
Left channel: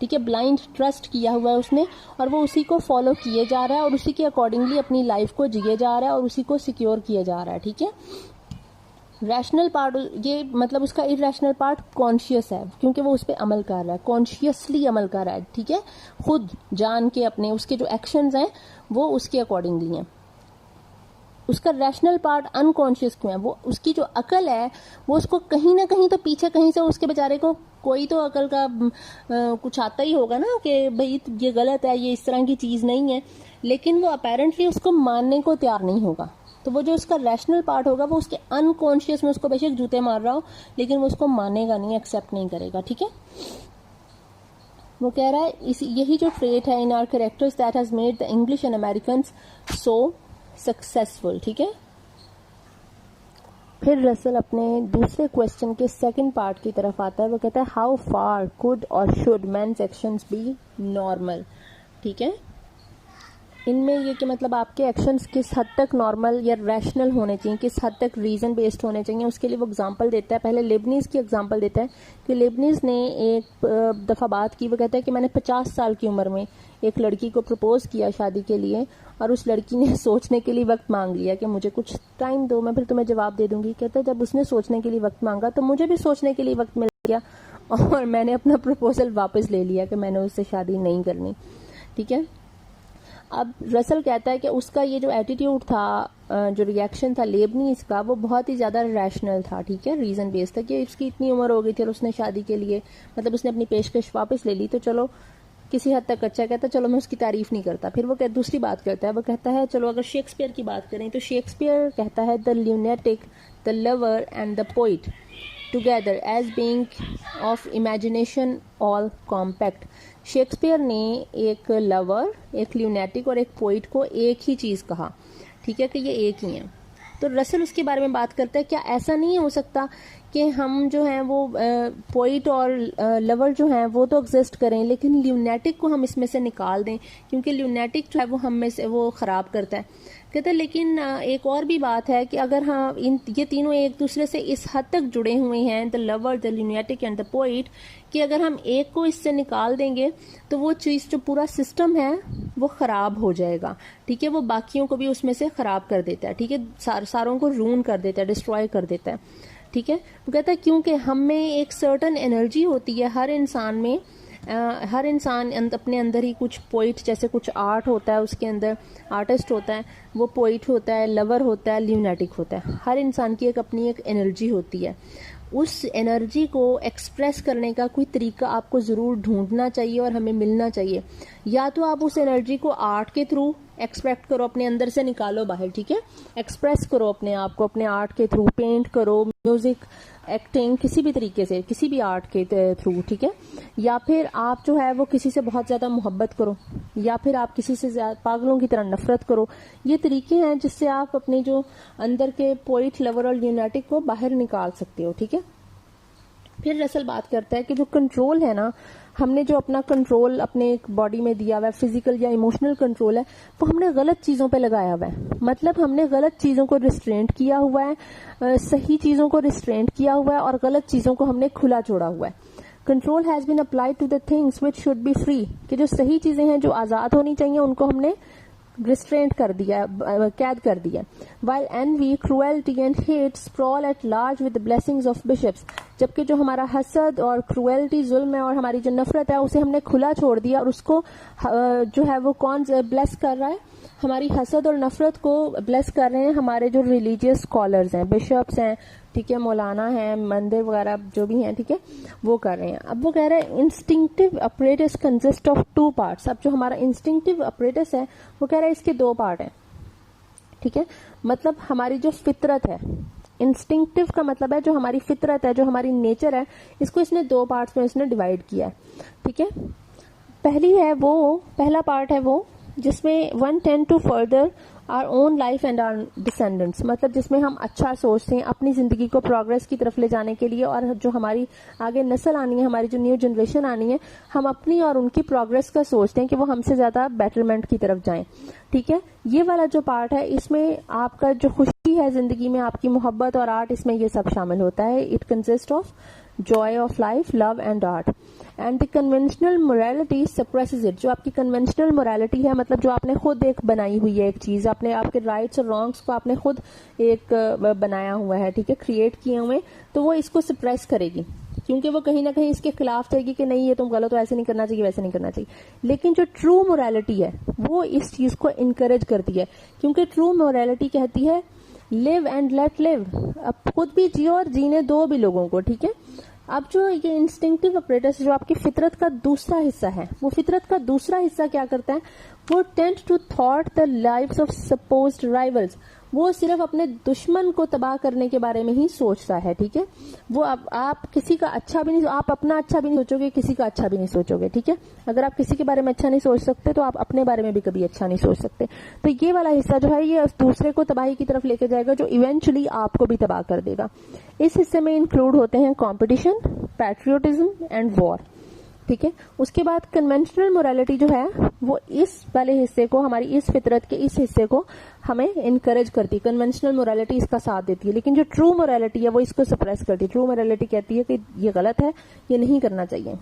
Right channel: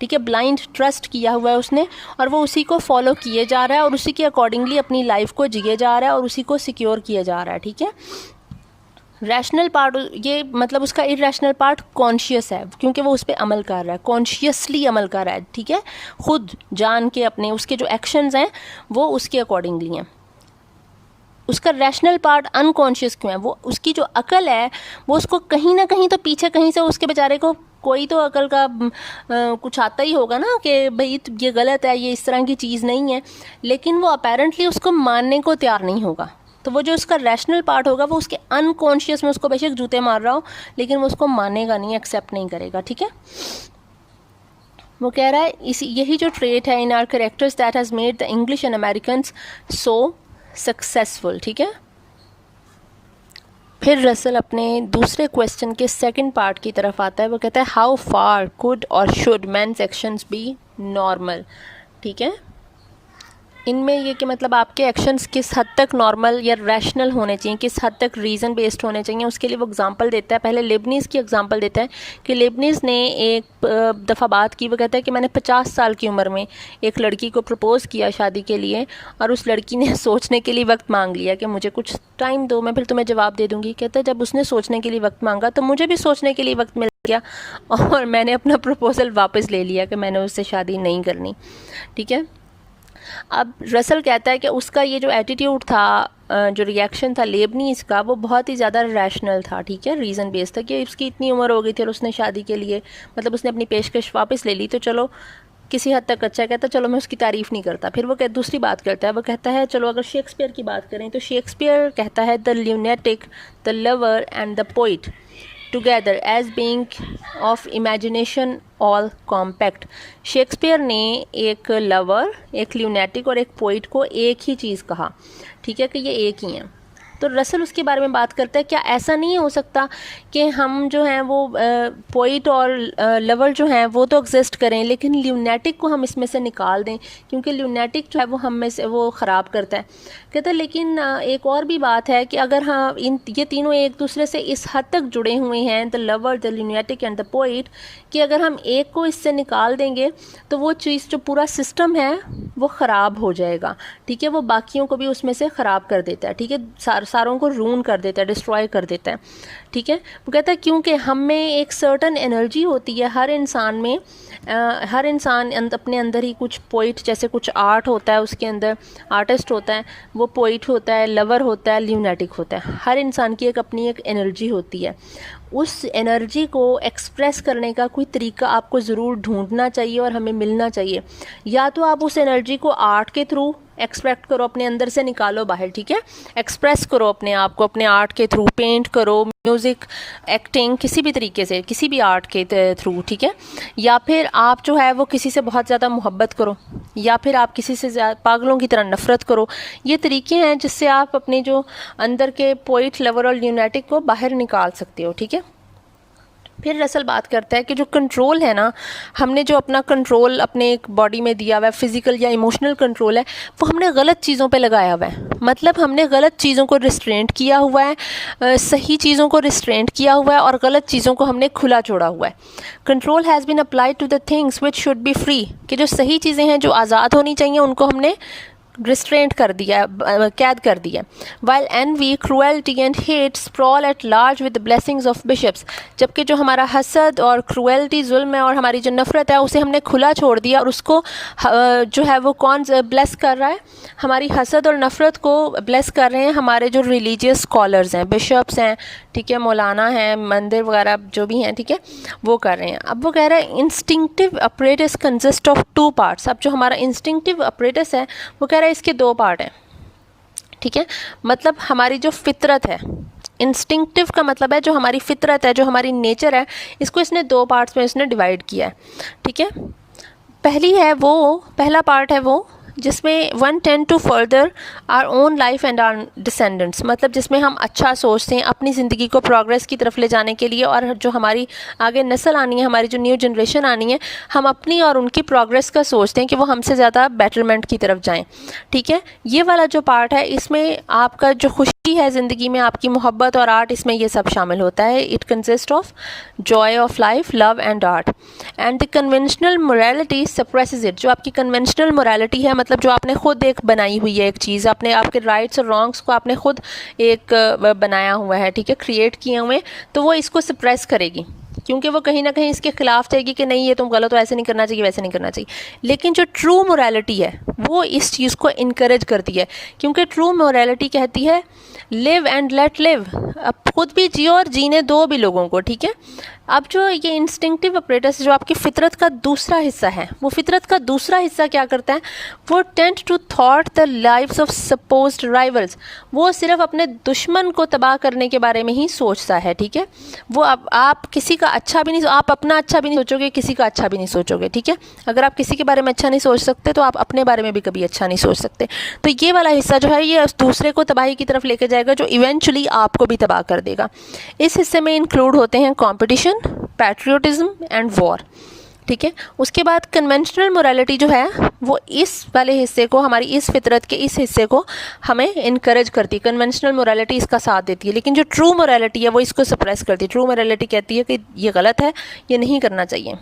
ठीक है, ब्लाइंड ट्रस्ट किया हुआ है उसने, और वो उसी को फॉलो किए जा रहा है और उसी के अकॉर्डिंगली अपनी लाइफ को जिए जा रहा है और उसी को सिक्योर किया जा रहा है, ठीक है। रैशनल पार्ट, ये मतलब उसका इरैशनल पार्ट कॉन्शियस है क्योंकि वो उस पर अमल कर रहा है, कॉन्शियसली अमल कर रहा है, ठीक है, खुद जान के अपने उसके जो एक्शंस हैं वो उसके अकॉर्डिंगली हैं। उसका रैशनल पार्ट अनकॉन्शियस क्यों है? वो उसकी जो अकल है वो उसको कहीं ना कहीं तो पीछे कहीं से उसके बेचारे को कोई तो अकल का कुछ आता ही होगा ना कि भाई ये गलत है, ये इस तरह की चीज़ नहीं है, लेकिन वो अपेरेंटली उसको मानने को तैयार नहीं होगा। तो वो जो उसका रैशनल पार्ट होगा वो उसके अनकॉन्शियस में उसको बेशक जूते मार रहा हो लेकिन वो उसको मानेगा नहीं, एक्सेप्ट नहीं करेगा, ठीक है। वो कह रहा है इसी यही जो ट्रेट है इन are characters that has made the English and Americans so successful, ठीक है। फिर रसल अपने दूसरे क्वेश्चन के सेकंड पार्ट की तरफ आता है। वो कहता है how far could or should man's actions be normal, ठीक है। इनमें ये कि मतलब आपके एक्शंस किस हद तक नॉर्मल या रैशनल होने चाहिए, किस हद तक रीज़न बेस्ड होने चाहिए, उसके लिए वो एग्जांपल देता है। पहले लेबनीज़ की एग्जांपल देता है कि लेबनीज़ ने एक दफ़ा बात की। वो कहता है कि मैंने 50 साल की उम्र में एक लड़की को प्रपोज़ किया शादी के लिए और उस लड़की ने सोचने के लिए वक्त मांग लिया कि मुझे कुछ टाइम दो, मैं फिर तुम्हें जवाब दे दूँगी। कहता है जब उसने सोचने के लिए वक्त मांगा तो मुझे भी सोचने के लिए वक्त मिल गया और मैंने अपना प्रपोज़ल वापस ले लिया कि मैंने उससे शादी नहीं करनी, ठीक है। अब रसल कहता है कि उसका ये जो एटीट्यूड था, जो रिएक्शन था लेबनीज़ का, वो बहुत ही ज़्यादा रैशनल था, ठीक है, रीज़न बेस्ड था कि उसकी इतनी उम्र हो गई थी और उसने शादी के लिए मतलब उसने अपनी पेशकश वापस ले ली, तो चलो किसी हद तक अच्छा। कहता चलो मैं उसकी तारीफ़ नहीं करता। फिर वो दूसरी बात करता है, वो कहता है चलो अगर शेक्सपियर की बात करें तो शेक्सपियर कहता है the lunatic, the lover and the poet together as being of imagination all compact. Shakespeare ने एक लवर, एक ल्यूनेटिक और एक पोइट को एक ही चीज़ कहा, ठीक है, कि ये एक ही हैं। तो रसल उसके बारे में बात करता है क्या ऐसा नहीं हो सकता कि हम जो हैं वो पोइट और लवर जो हैं वो तो एग्जिस्ट करें लेकिन ल्यूनेटिक को हम इसमें से निकाल दें, क्योंकि ल्यूनेटिक जो है वो हम में से वो ख़राब करता है। कहते हैं लेकिन एक और भी बात है कि अगर हाँ ये तीनों एक दूसरे से इस हद तक जुड़े हुए हैं, the lover, the lunatic and the poet, कि अगर हम एक को इससे निकाल देंगे तो वो चीज़ जो पूरा सिस्टम है वो ख़राब हो जाएगा, ठीक है, वो बाकियों को भी उसमें से ख़राब कर देता है, ठीक है, सारों को रून कर देता है, डिस्ट्रॉय कर देता है, ठीक है। वो कहता है क्योंकि हम में एक सर्टन एनर्जी होती है हर इंसान में, हर इंसान अपने अंदर ही कुछ पोइट जैसे कुछ आर्ट होता है, उसके अंदर आर्टिस्ट होता है, वो पोइट होता है, लवर होता है, ल्यूनेटिक होता है। हर इंसान की अपनी एक एनर्जी होती है। उस एनर्जी को एक्सप्रेस करने का कोई तरीका आपको ज़रूर ढूंढना चाहिए और हमें मिलना चाहिए। या तो आप उस एनर्जी को आर्ट के थ्रू एक्सप्रेस करो, अपने अंदर से निकालो बाहर, ठीक है, एक्सप्रेस करो अपने आप को अपने आर्ट के थ्रू, पेंट करो, म्यूज़िक, एक्टिंग, किसी भी तरीके से, किसी भी आर्ट के थ्रू, ठीक है। या फिर आप जो है वो किसी से बहुत ज़्यादा मोहब्बत करो, या फिर आप किसी से पागलों की तरह नफ़रत करो। ये तरीके हैं जिससे आप अपने जो अंदर के पोइट, लवर और ल्यूनेटिक को बाहर निकाल सकते हो, ठीक है। फिर रसल बात करता है कि जो कंट्रोल है ना, हमने जो अपना कंट्रोल अपने एक बॉडी में दिया हुआ है, फिज़िकल या इमोशनल कंट्रोल है, वो हमने गलत चीज़ों पे लगाया हुआ है। मतलब हमने गलत चीज़ों को रिस्ट्रेंट किया हुआ है, सही चीज़ों को रिस्ट्रेंट किया हुआ है और गलत चीज़ों को हमने खुला छोड़ा हुआ है। Control has been applied to the things which should be free, कि जो सही चीज़ें हैं जो आज़ाद होनी चाहिए उनको हमने रिस्ट्रेंट कर दिया, कैद कर दिया। While envy, cruelty and hate sprawl at large with the blessings of bishops, जबकि जो हमारा हसद और क्रूएल्टी, जुल्म है, और हमारी जो नफ़रत है उसे हमने खुला छोड़ दिया, और उसको जो है वो कौन ब्लेस कर रहा है? हमारी हसद और नफ़रत को ब्लेस कर रहे हैं हमारे जो रिलीजियस स्कॉलर्स हैं, बिशप्स हैं, ठीक है, मौलाना हैं, मंदिर वगैरह जो भी हैं, ठीक है, वो कर रहे हैं। अब वो कह रहा है instinctive apparatus consist of 2 parts. अब जो हमारा इंस्टिंक्टिव अपरेटस है वो कह रहा है इसके 2 पार्ट हैं, ठीक है, मतलब हमारी जो फितरत है, इंस्टिंक्टिव का मतलब है जो हमारी फितरत है, जो हमारी नेचर है, इसको इसने 2 पार्ट्स में इसने डिवाइड किया है, ठीक है। पहला पार्ट है वो जिसमें 1 tend to further our own life and our descendants, मतलब जिसमें हम अच्छा सोचते हैं अपनी ज़िंदगी को प्रोग्रेस की तरफ ले जाने के लिए, और जो हमारी आगे नस्ल आनी है, हमारी जो न्यू जनरेशन आनी है, हम अपनी और उनकी प्रोग्रेस का सोचते हैं कि वो हमसे ज़्यादा बेटरमेंट की तरफ जाएं, ठीक है। ये वाला जो पार्ट है इसमें आपका जो खुशी है ज़िंदगी में, आपकी मोहब्बत और आर्ट, इसमें ये सब शामिल होता है। It consist of Joy of life, love and art, and the conventional morality suppresses it. जो आपकी कन्वेंशनल मोरालिटी है, मतलब जो आपने खुद एक बनाई हुई है एक चीज़, आपने आपके राइट्स और रॉन्ग्स को आपने खुद एक बनाया हुआ है, ठीक है, क्रिएट किए हुए, तो वो इसको सप्रेस करेगी, क्योंकि वो कहीं ना कहीं इसके खिलाफ जाएगी कि नहीं ये तुम गलत हो, ऐसे नहीं करना चाहिए, वैसे नहीं करना चाहिए। लेकिन जो ट्रू मोरालिटी है वो इस चीज़ को इनकरेज करती है, क्योंकि ट्रू मोरालिटी कहती है लिव एंड लेट लिव, अब खुद भी जियो और जीने दो भी लोगों को, ठीक है। अब जो ये इंस्टिंक्टिव ऑपरेटर्स, जो आपकी फितरत का दूसरा हिस्सा है, वो फितरत का दूसरा हिस्सा क्या करता है? वो टेंट टू थॉट the lives of supposed rivals, वो सिर्फ अपने दुश्मन को तबाह करने के बारे में ही सोचता है, ठीक है। वो आप किसी का अच्छा भी नहीं, आप अपना अच्छा भी नहीं सोचोगे, किसी का अच्छा भी नहीं सोचोगे, ठीक है। अगर आप किसी के बारे में अच्छा नहीं सोच सकते तो आप अपने बारे में भी कभी अच्छा नहीं सोच सकते। तो ये वाला हिस्सा जो है ये दूसरे को तबाही की तरफ लेके जाएगा, जो इवेंचुअली आपको भी तबाह कर देगा। इस हिस्से में इंक्लूड होते हैं कॉम्पिटिशन, पैट्रियोटिज्म एंड वॉर, ठीक है। उसके बाद कन्वेंशनल मोरालिटी जो है वो इस वाले हिस्से को, हमारी इस फितरत के इस हिस्से को हमें इनकरेज करती है। कन्वेंशनल मोरालिटी इसका साथ देती है, लेकिन जो ट्रू मोरालिटी है वो इसको सप्रेस करती है। ट्रू मोरालिटी कहती है कि ये गलत है, ये नहीं करना चाहिए।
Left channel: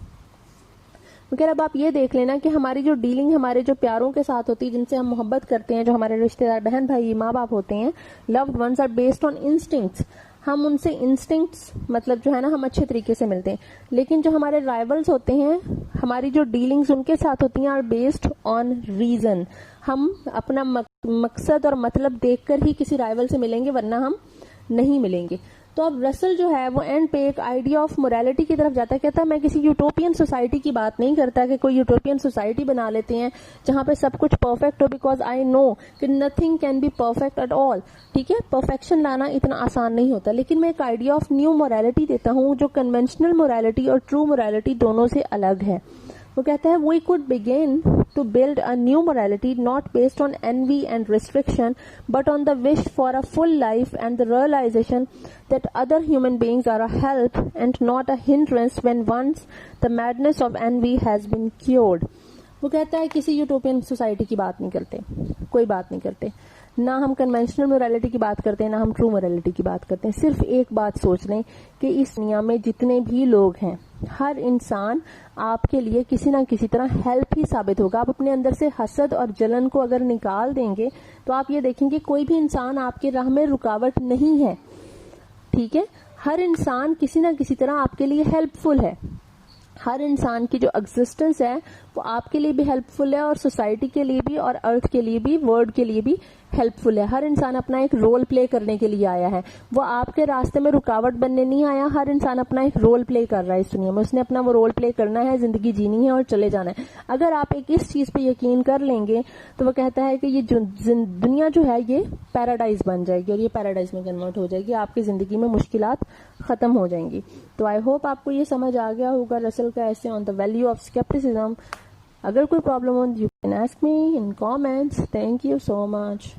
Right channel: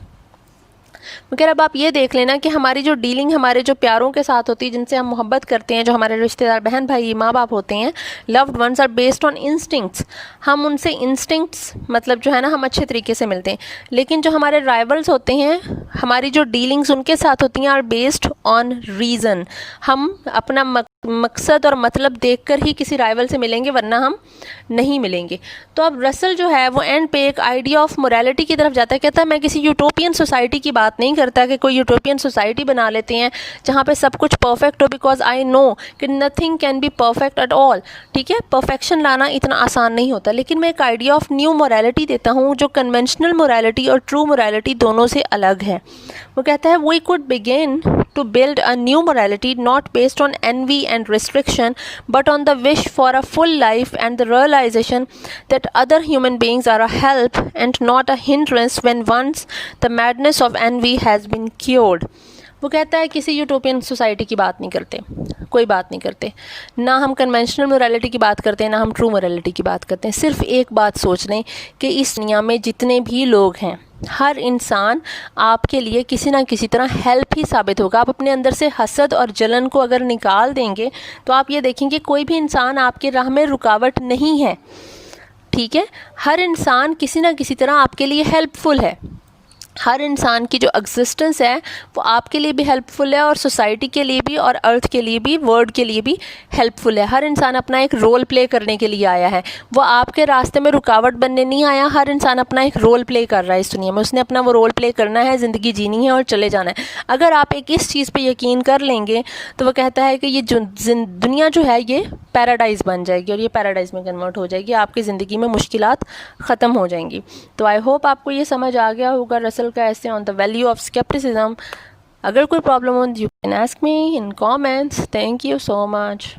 मगर अब आप ये देख लेना कि हमारी जो डीलिंग हमारे जो प्यारों के साथ होती है, जिनसे हम मोहब्बत करते हैं, जो हमारे रिश्तेदार, बहन भाई, माँ बाप होते हैं, loved ones are based on instincts. हम उनसे इंस्टिंक्ट्स मतलब जो है ना, हम अच्छे तरीके से मिलते हैं। लेकिन जो हमारे राइवल्स होते हैं, हमारी जो डीलिंग्स उनके साथ होती हैं, आर बेस्ड ऑन रीज़न। हम अपना मकसद और मतलब देखकर ही किसी राइवल से मिलेंगे, वरना हम नहीं मिलेंगे। तो अब रसल जो है वो एंड पे एक आइडिया ऑफ मोरालिटी की तरफ जाता है। कहता है मैं किसी यूटोपियन सोसाइटी की बात नहीं करता कि कोई यूटोपियन सोसाइटी बना लेते हैं जहाँ पे सब कुछ परफेक्ट हो, बिकॉज आई नो कि nothing can be perfect at all, ठीक है। परफेक्शन लाना इतना आसान नहीं होता, लेकिन मैं एक आइडिया ऑफ न्यू मोरालिटी देता हूँ जो कन्वेंशनल मोरालिटी और ट्रू मोरालिटी दोनों से अलग है। वो कहता है we could begin to build a new morality not based on envy and restriction but on the wish for a full life and the realization that other human beings are a help and not a hindrance when once the madness of envy has been cured। वो कहता है किसी utopian society की बात नहीं करते, कोई बात नहीं करते, ना हम कन्वेंशनल मोरालिटी की बात करते हैं, ना हम ट्रू मोरालिटी की बात करते हैं। सिर्फ एक बात सोच लें कि इस दुनिया में जितने भी लोग हैं, हर इंसान आपके लिए किसी ना किसी तरह हेल्प ही साबित होगा। आप अपने अंदर से हसद और जलन को अगर निकाल देंगे तो आप ये देखेंगे कोई भी इंसान आपके राह में रुकावट नहीं है, ठीक है। हर इंसान किसी ना किसी तरह आपके लिए हेल्पफुल है। हर इंसान की जो एग्जिस्टेंस है वो आपके लिए भी हेल्पफुल है, और सोसाइटी के लिए भी, और अर्थ के लिए भी, वर्ल्ड के लिए भी हेल्पफुल है। हर इंसान अपना एक रोल प्ले करने के लिए आया है, वो आपके रास्ते में रुकावट बनने नहीं आया। हर इंसान अपना एक रोल प्ले कर रहा है इस दुनिया में, उसने अपना वो रोल प्ले करना है, ज़िंदगी जीनी है और चले जाना है। अगर आप एक इस चीज़ पर यकीन कर लेंगे तो वो कहता है कि ये जो दुनिया जो है ये पैराडाइज़ बन जाएगी, और ये पैराडाइज़ में कन्वर्ट हो जाएगी, आपकी ज़िंदगी में मुश्किलात ख़त्म हो जाएंगी। तो आई होप आपको ये समझ आ गया होगा रसल का ऐसे on the value of scepticism. अगर कोई प्रॉब्लम हो you can ask me in comments. Thank you so much.